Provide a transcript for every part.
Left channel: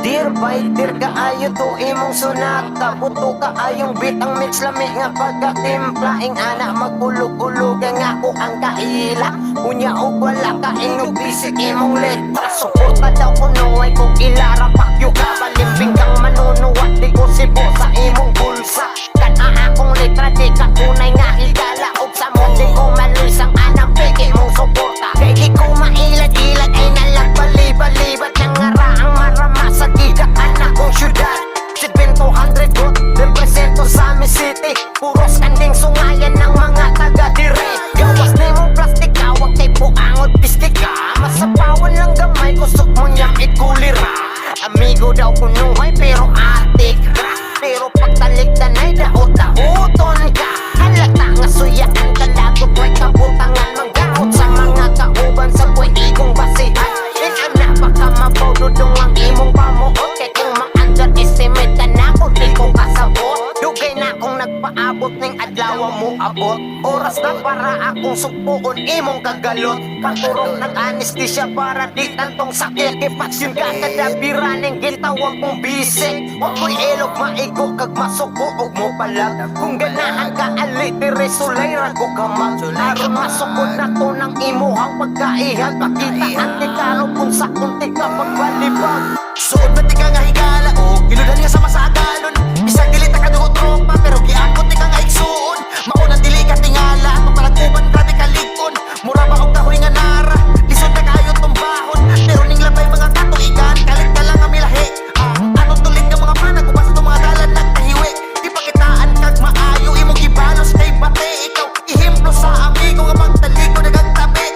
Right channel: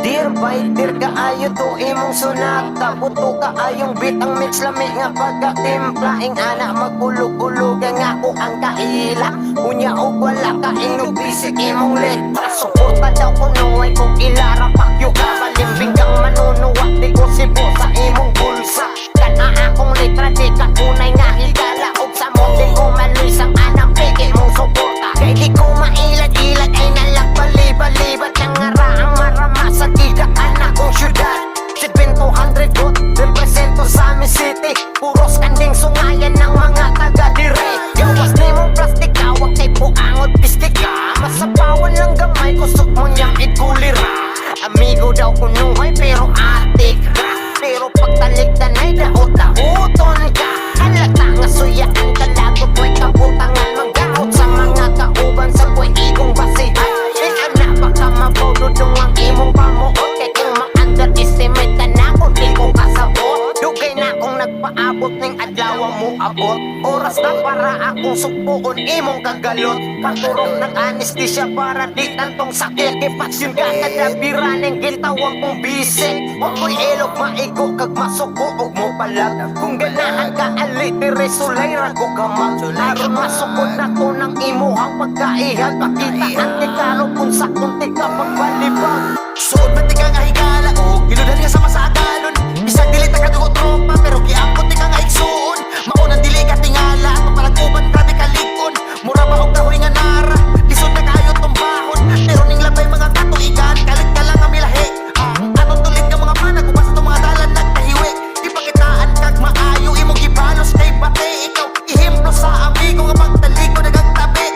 Dear fighter kaayo to imong sunata, buto kaayong bitang mix lami nga pagkatimplaing ana magulog-ulog nga ako ang kaila. Unya og wala ka inog bisik imong letra, suporta daw kuno ay kung ilara pakyo ka balimbing kang manunuwat di ko sibo sa imong bulsa. Kana akong letra di ka kunay nga higala og sa mo di ko malisang anang peke mong suporta. Kay di ko mailad-ilad ay nalagbalibalibat ng ngaraang marama sa gigaan akong syudad. 700 got, represento sa amin city, puros kanding sungayan ng mga taga dire. Gawas ni mong plastik, hawak kay puangot pistika, masapawan lang gamay, kusok mo niyang igulira. Amigo daw kunuhay pero atik ka, pero pagtalikdan ay daot-daoton ka. Halata nga suyaan kalagot, way kabutangan manggaot sa mga kauban sa kuy igong basihan. Ina baka mabododong ang imong pamuot, kay kung ma-underestimate ka na kung di ko kasabot. Dugay na akong nagpaabot ng adlaw mo abot, oras na para akong supuon imong kagalot. Katurok ng anesthesia para di tantong sakit, kipasyon ka kadabira ng gitawag mong bisik. Huwag ko'y ilog maigo kag masuko og mo palag, kung ganahan ka alitire sulay rago ka mag. Aron masukod na to ng imuhang pagkaihag, pakita ang tikaro kung sa kunti ka pagbalibag. Suod man ti ka nga higala o giludan nga sama sa agalon, bisag dili ta kadugo tropa pero giangkot ti ka nga igsuon. Maunang dili ka tingala papalaguban grabe ka likon, mura ba og kahoy nga nara lisod na kayo tumbahon, pero ning labay mga katuigan kalit ka lang nga milahi. Ang anong tulid nga mga panag upas itong mga dalan nagtahiwi, di pakitaan kag maayo imong gibalos kay bate. Ikaw ihemplo sa amigo nga pagtaliko nagagtabi,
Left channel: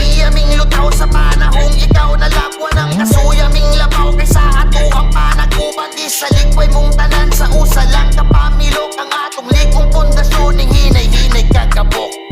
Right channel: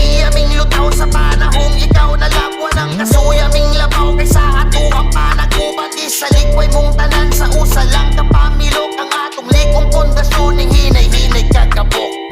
iya ming lutaw sa panahong ikaw nalabwa ng kasuya ming labaw kaysa ato ang panagubag isa likway mong tanan sa usa lang kapamilok ang atong likong pundasyon ning hinay-hinay kagabok.